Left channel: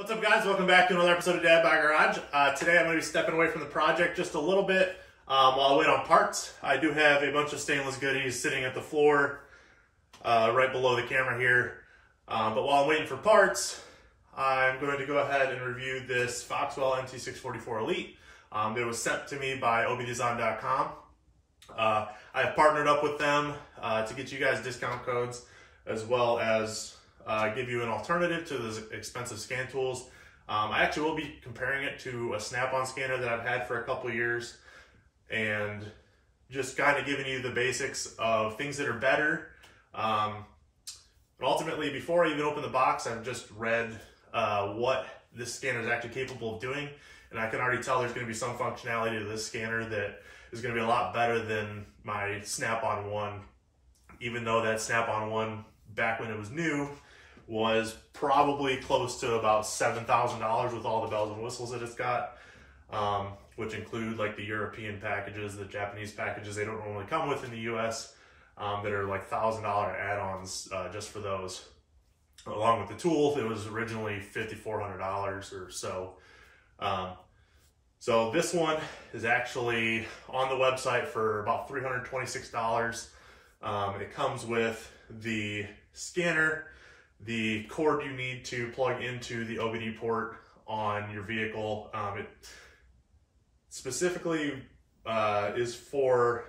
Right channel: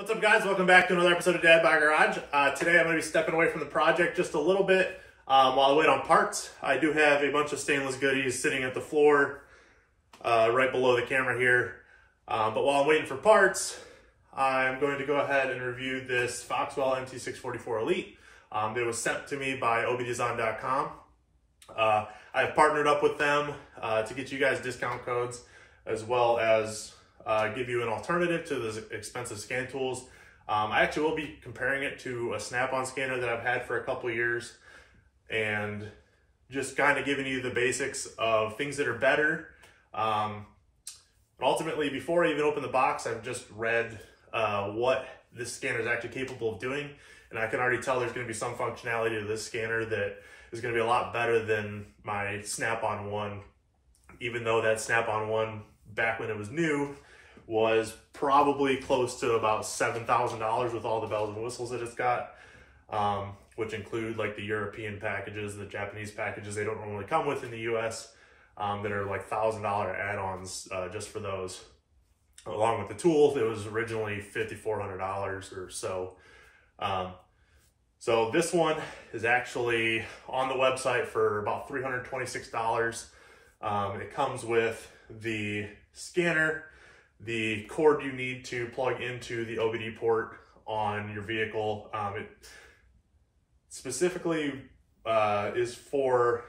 What's up, guys? Welcome back to another episode of DadBod Garage. Today I'm going to be stepping away from the project just a little bit while I wait on parts. I do have a bunch of stainless goodies sitting at the floor right below the camera here. But while I'm waiting for parts, I'm going to go ahead and review this Foxwell NT644 Elite. It was sent to me by obdesign.com. I have partnered up with them to get you guys discount codes, as well as give you an alternative to those expensive scan tools. I actually will be comparing it to a snap-on scanner that I've had for a couple years, and just kind of giving you the basics of things that are better. But ultimately, before I even open the box, I've just read what this scanner is actually capable of doing, and I can already tell there's going to be some functionality to this scanner that is going to be a lot better than my snap-on one, even though that snap-on one, back when it was new, was probably close to about $7,000 with all the bells and whistles that it's got, which include like the European packages, the Japanese packages they don't normally come with in the US, that are like $1,000 add-ons just for those. Along with the tool, it was originally $5,400 or so. So this one is actually on the website for about $326. It comes with the scanner, the cord you need to plug into the OBD port on your vehicle. It specifically is for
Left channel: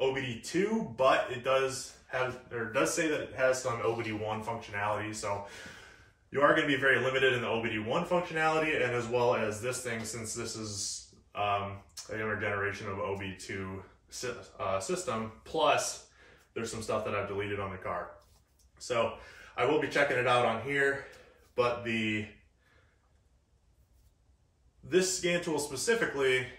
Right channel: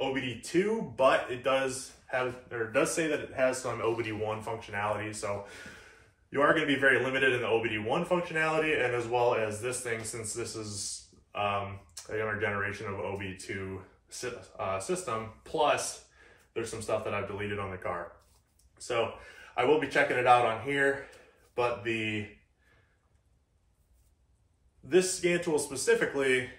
OBD2, but it does say that it has some OBD1 functionality. So you are going to be very limited in the OBD1 functionality, and as well as this thing, since this is a younger generation of OBD2 system. Plus, there's some stuff that I've deleted on the car. So I will be checking it out on here, but this scan tool specifically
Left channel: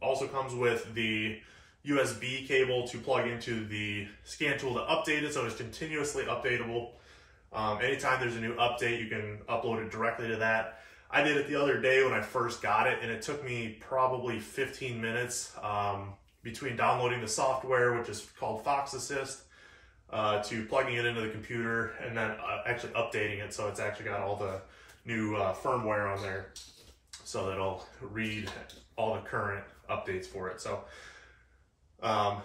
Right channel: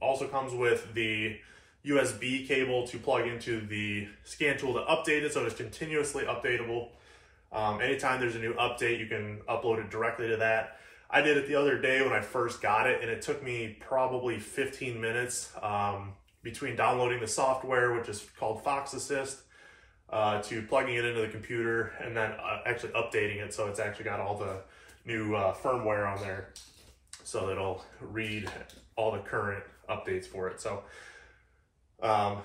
also comes with the USB cable to plug into the scan tool to update it, so it's continuously updatable. Anytime there's a new update, you can upload it directly to that. I did it the other day when I first got it, and it took me probably 15 minutes between downloading the software, which is called Fox Assist, to plugging it into the computer, and then actually updating it, so it's actually got all the new firmware on there, so that it'll read all the current updates for it. So I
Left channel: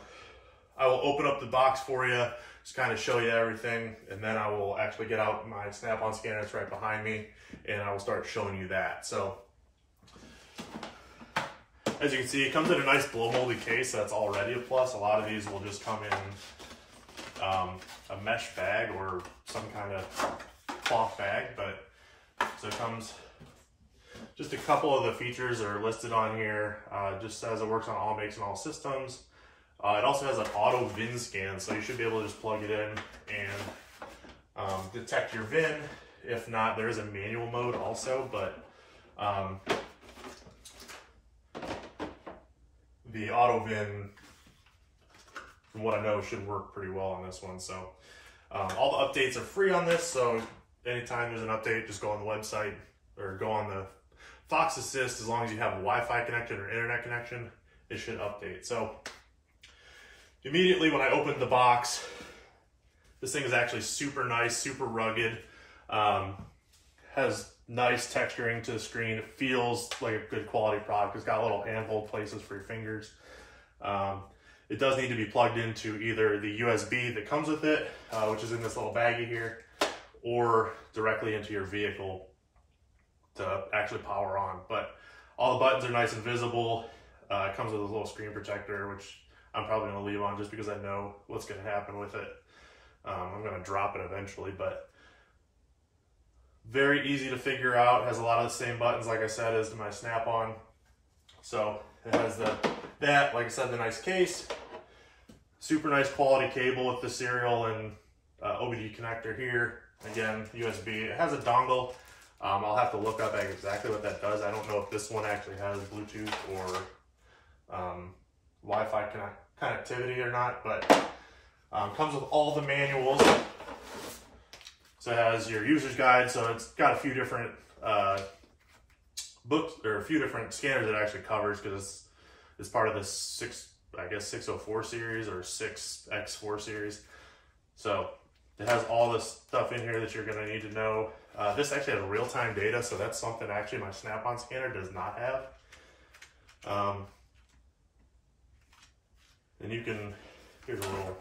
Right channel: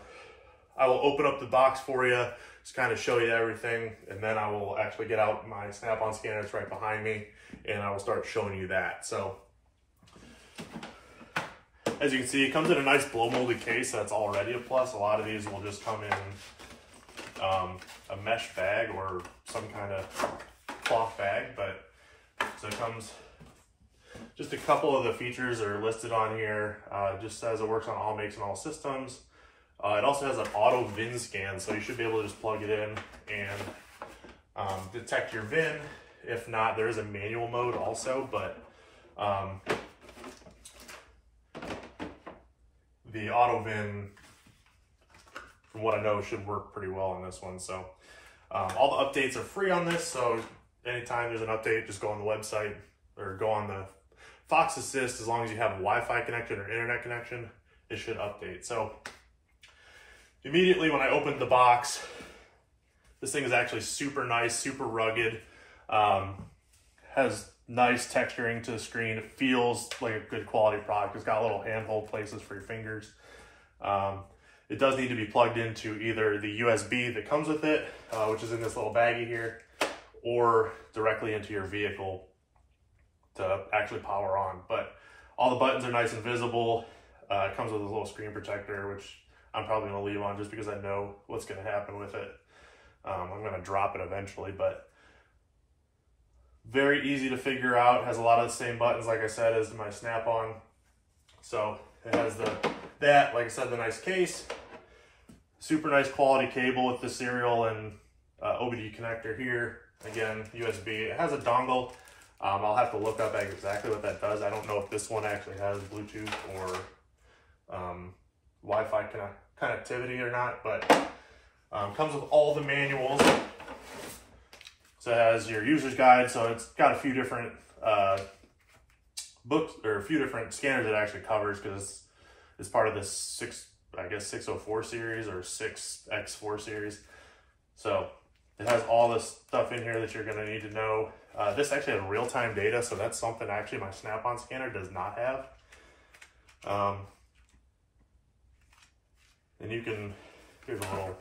will open up the box for you, just kind of show you everything, and then I will actually get out my snap-on scanner that's right behind me, and I will start showing you that. So as you can see, it comes in a nice blow molded case. That's already a plus. A lot of these will just come in a mesh bag or some kind of cloth bag, but so it comes, just a couple of the features are listed on here. Just says it works on all makes and all systems. It also has an auto VIN scan, so you should be able to just plug it in and detect your VIN. If not, there is a manual mode also, but the auto VIN, from what I know, should work pretty well on this one. So all the updates are free on this, so anytime there's an update, just go on the website or go on the Fox Assist. As long as you have a Wi-Fi connection or internet connection, it should update. So immediately when I opened the box, this thing is actually super nice, super rugged, has nice texturing to the screen. It feels like a good quality product. It's got little handhold places for your fingers. It does need to be plugged into either the USB that comes with it, which is in this little baggie here, or directly into your vehicle to actually power on. But all the buttons are nice and visible. It comes with a little screen protector, which I'm probably going to leave on just because I know what's going to happen with it. I'm going to drop it eventually, but very easy to figure out. Has a lot of the same buttons, like I said, as my snap-on. So it has like I said, the nice case, super nice quality cable with the serial and OBD connector here. Again, USB. It has a dongle. I'll have to look up exactly what that does. I don't know if this one actually has Bluetooth or Wi-Fi connectivity or not, but comes with all the manuals. So it has your user's guide, so it's got a few different books, or a few different scanners it actually covers, because it's part of the 604 series or 6X4 series. So It has all this stuff in here that you're going to need to know. This actually has real-time data, so that's something actually my Snap-on scanner does not have. And you can, here's a little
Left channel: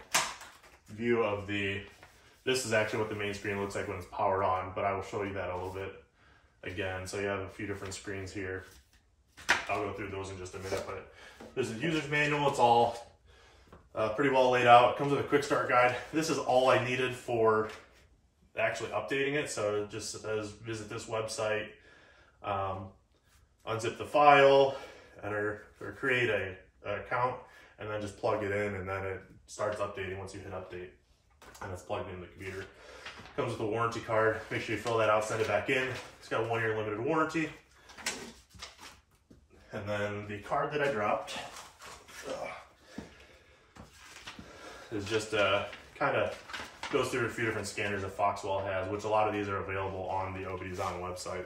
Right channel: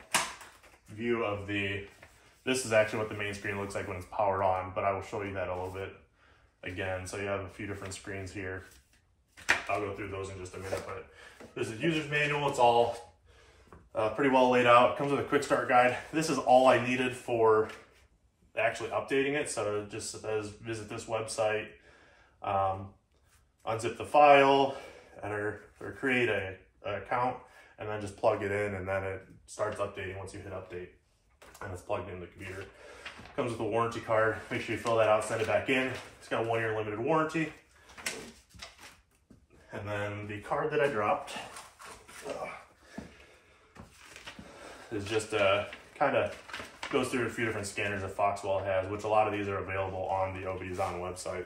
view of this is actually what the main screen looks like when it's powered on, but I will show you that a little bit again. So you have a few different screens here. I'll go through those in just a minute, but there's a user's manual. It's all pretty well laid out. It comes with a quick start guide. This is all I needed for actually updating it. So it just says visit this website, unzip the file, enter or create an account, and then just plug it in, and then it starts updating once you hit update, and it's plugged in the computer. Comes with a warranty card. Make sure you fill that out, send it back in. It's got a 1-year limited warranty. And then the card that I dropped is just kind of goes through a few different scanners that Foxwell has, which a lot of these are available on the OBDesign website.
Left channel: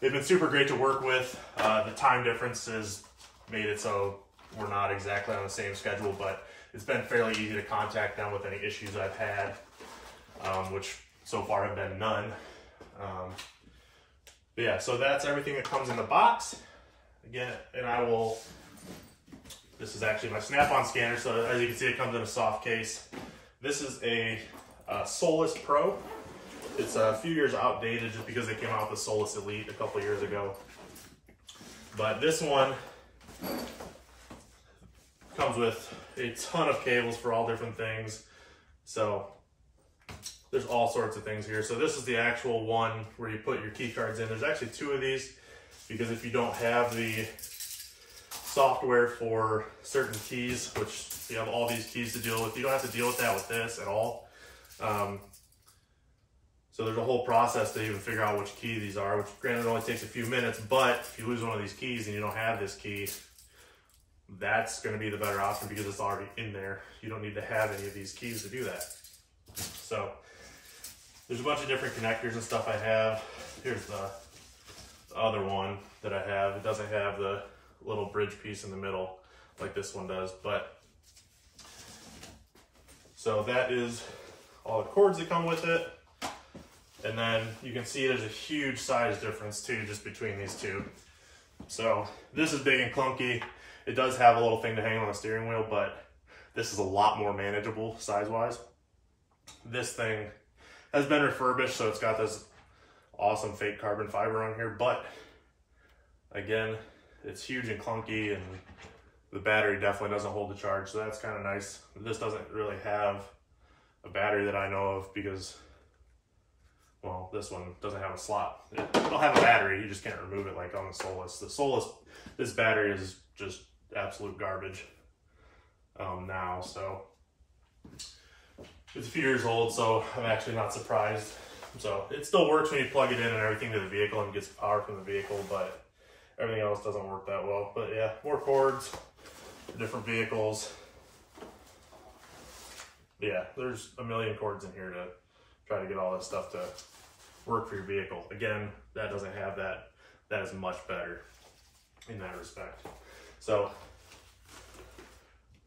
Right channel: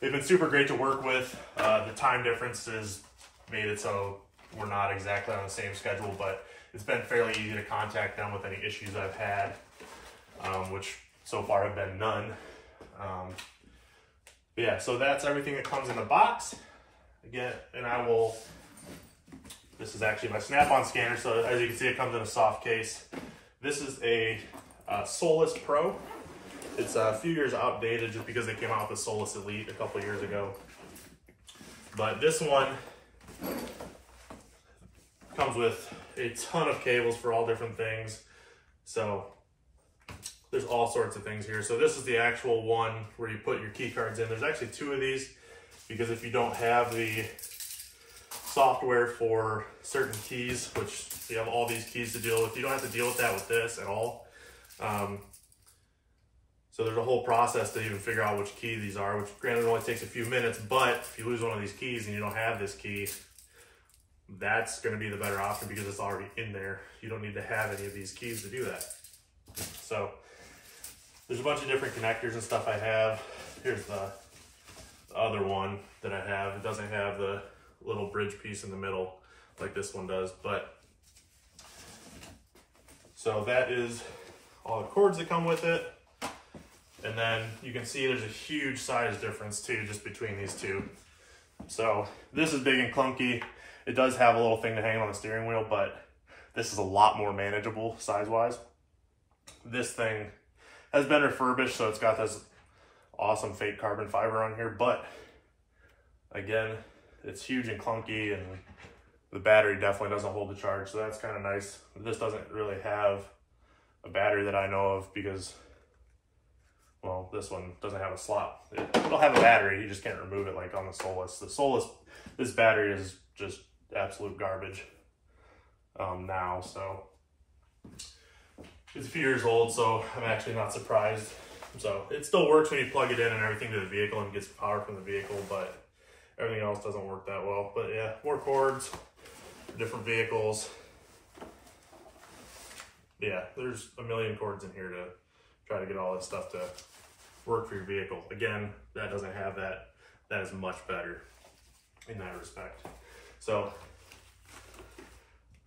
They've been super great to work with. The time differences made it so we're not exactly on the same schedule, but it's been fairly easy to contact them with any issues I've had, which so far have been none. But yeah, so that's everything that comes in the box. Again, and this is actually my Snap-on scanner, so as you can see, it comes in a soft case. This is a Solus Pro. It's a few years outdated just because they came out with the Solus Elite a couple years ago. But this one comes with a ton of cables for all different things. So there's all sorts of things here. So this is the actual one where you put your key cards in. There's actually 2 of these, because if you don't have the software for certain keys, which you have all these keys to deal with, you don't have to deal with that with this at all. So there's a whole process to even figure out which key these are, which granted only takes a few minutes, but if you lose one of these keys and you don't have this key, that's going to be the better option because it's already in there. You don't need to have any of these keys to do that. So there's a bunch of different connectors and stuff I have. Here's the other one that I have. It doesn't have the little bridge piece in the middle like this one does, but so that is all the cords that come with it. And then you can see there's a huge size difference too, just between these two. So this is big and clunky. It does have a little thing to hang on the steering wheel, but this is a lot more manageable size-wise. This thing has been refurbished, so it's got this awesome fake carbon fiber on here, but again, it's huge and clunky, and the battery definitely doesn't hold the charge, so that's kind of nice. This doesn't really have a battery that I know of because, well, this one doesn't have a slot. It'll have a battery, you just can't remove it like on the Solus. The Solus, this battery is just absolute garbage now, so it's a few years old, so I'm actually not surprised. So it still works when you plug it in and everything to the vehicle and gets power from the vehicle, but everything else doesn't work that well. But yeah, more cords for different vehicles. Yeah, there's a million cords in here to try to get all this stuff to work for your vehicle. Again, that doesn't have that. That is much better in that respect. So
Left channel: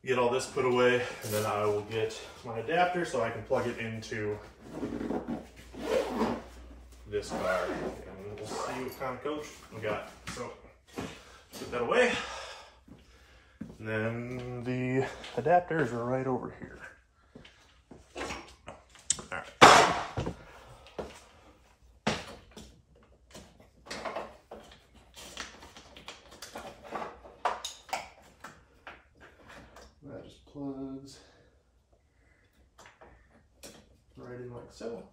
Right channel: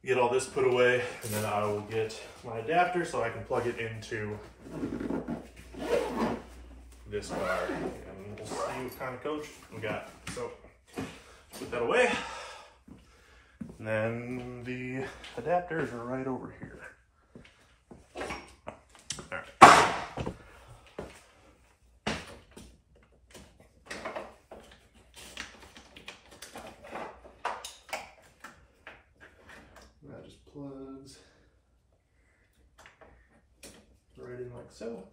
get all this put away, and then I will get my adapter so I can plug it into this car, and we'll see what kind of coach we got. So put that away, and then the adapters are right over here. All right. That just plugs right in like so.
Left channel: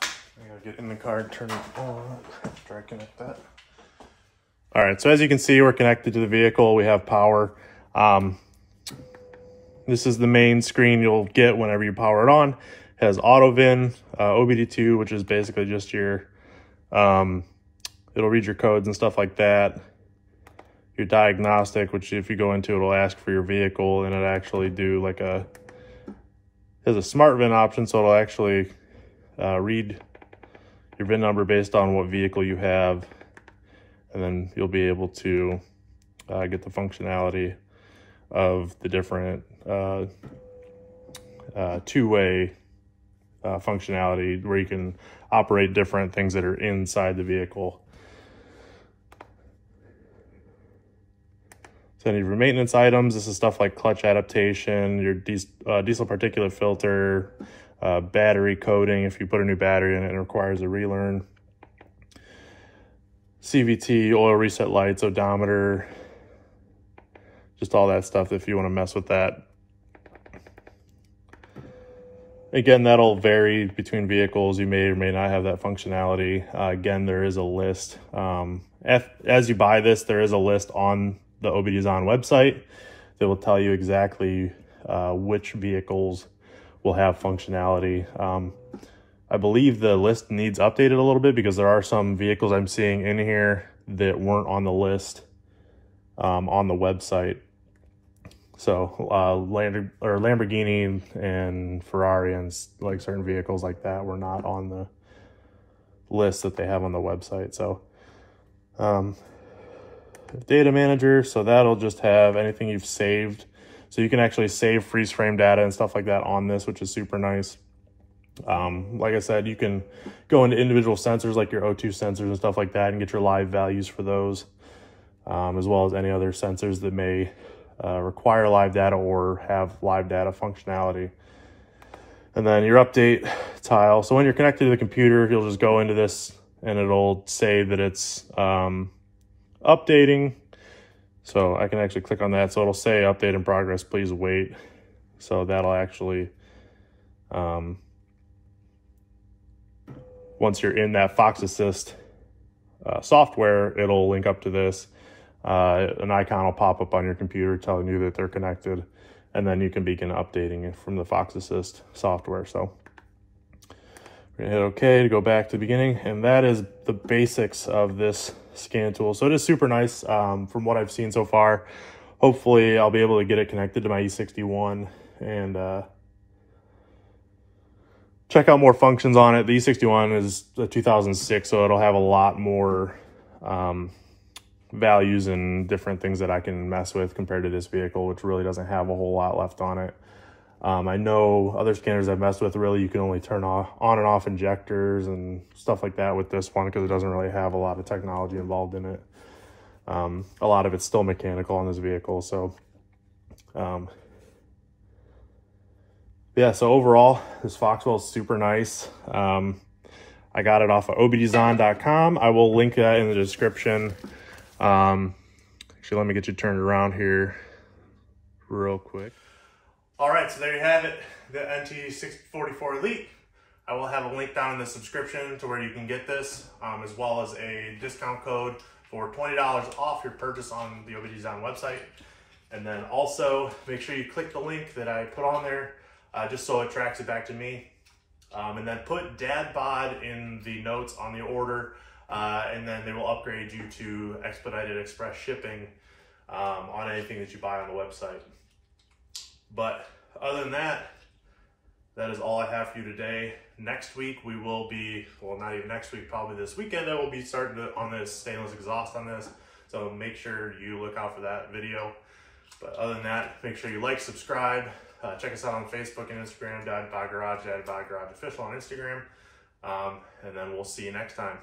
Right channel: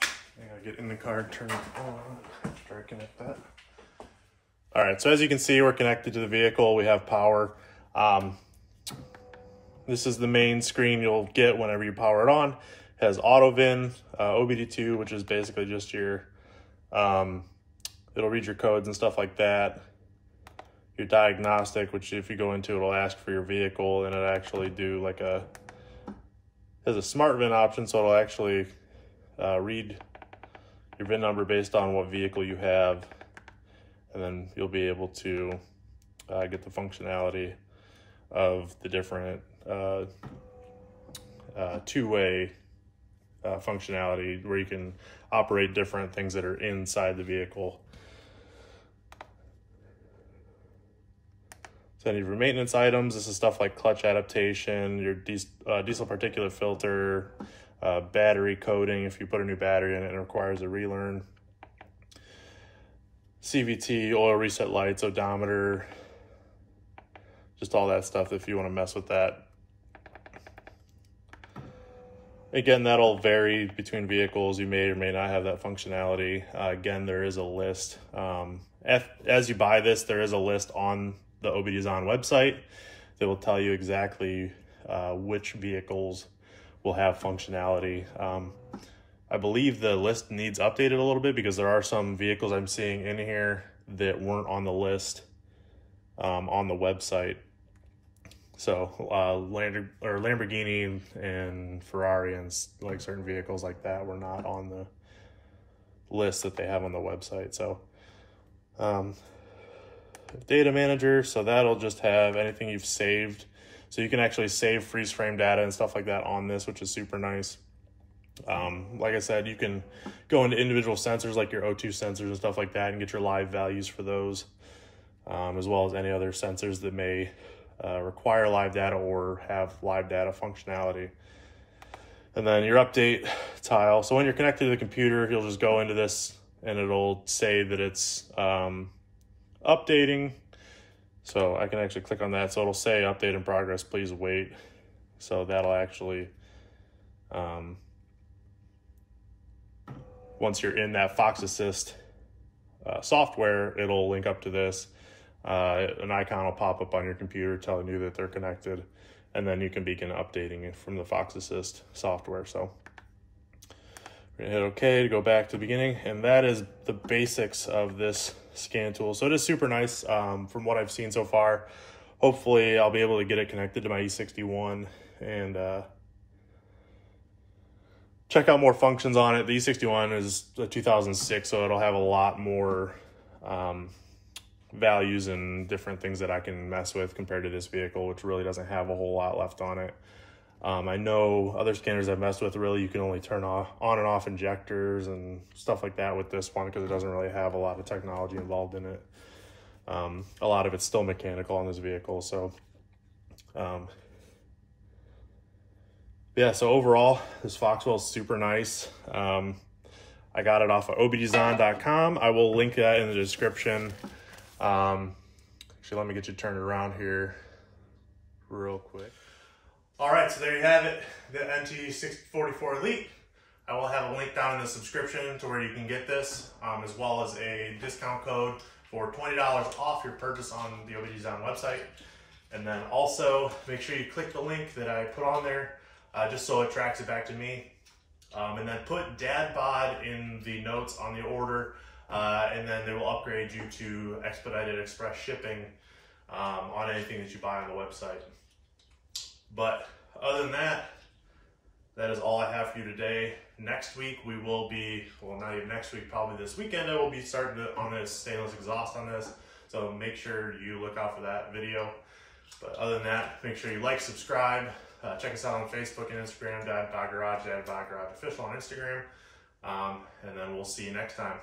I gotta get in the car, turn it on, try to connect that. All right, so as you can see, we're connected to the vehicle. We have power. This is the main screen you'll get whenever you power it on. It has auto VIN, OBD2, which is basically just your, it'll read your codes and stuff like that. Your diagnostic, which if you go into, it'll ask for your vehicle, and it'll actually do like there's a smart VIN option, so it'll actually read your VIN number based on what vehicle you have, and then you'll be able to get the functionality of the different two-way functionality where you can operate different things that are inside the vehicle. So any of your maintenance items, this is stuff like clutch adaptation, your diesel particulate filter, battery coating if you put a new battery in it and it requires a relearn, CVT, oil reset lights, odometer, just all that stuff if you want to mess with that. Again, that'll vary between vehicles. You may or may not have that functionality. Again, there is a list. As you buy this, there is a list on the OBDesign website that will tell you exactly which vehicles will have functionality. I believe the list needs updated a little bit because there are some vehicles I'm seeing in here that weren't on the list on the website. So Lamborghini and Ferrari and like certain vehicles like that were not on the list that they have on the website. So data manager, so that'll just have anything you've saved. So you can actually save freeze frame data and stuff like that on this, which is super nice. Like I said, you can go into individual sensors like your O2 sensors and stuff like that and get your live values for those, as well as any other sensors that may require live data or have live data functionality. And then your update tile. So when you're connected to the computer, you'll just go into this and it'll say that it's updating. So I can actually click on that. So it'll say update in progress, please wait. So that'll actually, once you're in that Fox Assist software, it'll link up to this. An icon will pop up on your computer telling you that they're connected, and then you can begin updating it from the Fox Assist software. So we're gonna hit OK to go back to the beginning, and that is the basics of this scan tool. So it is super nice from what I've seen so far. Hopefully I'll be able to get it connected to my E61 and check out more functions on it. The E61 is a 2006, so it'll have a lot more values and different things that I can mess with compared to this vehicle, which really doesn't have a whole lot left on it. I know other scanners I've messed with, really you can only turn on and off injectors and stuff like that with this one because it doesn't really have a lot of technology involved in it. A lot of it's still mechanical on this vehicle. So yeah, so overall this Foxwell is super nice. I got it off of obdesign.com. I will link that in the description. Actually, let me get you turned around here real quick. All right, so there you have it, the NT644 Elite. I will have a link down in the subscription to where you can get this, as well as a discount code for $20 off your purchase on the OBDesign website. And then also make sure you click the link that I put on there, just so it tracks it back to me. And then put DadBod in the notes on the order, and then they will upgrade you to expedited express shipping on anything that you buy on the website. But other than that, that is all I have for you today. Next week we will be, well, not even next week, probably this weekend, I will be starting on this stainless exhaust on this. So make sure you look out for that video. But other than that, make sure you like, subscribe, check us out on Facebook and Instagram, DadBod Garage, DadBod Garage Official on Instagram. And then we'll see you next time.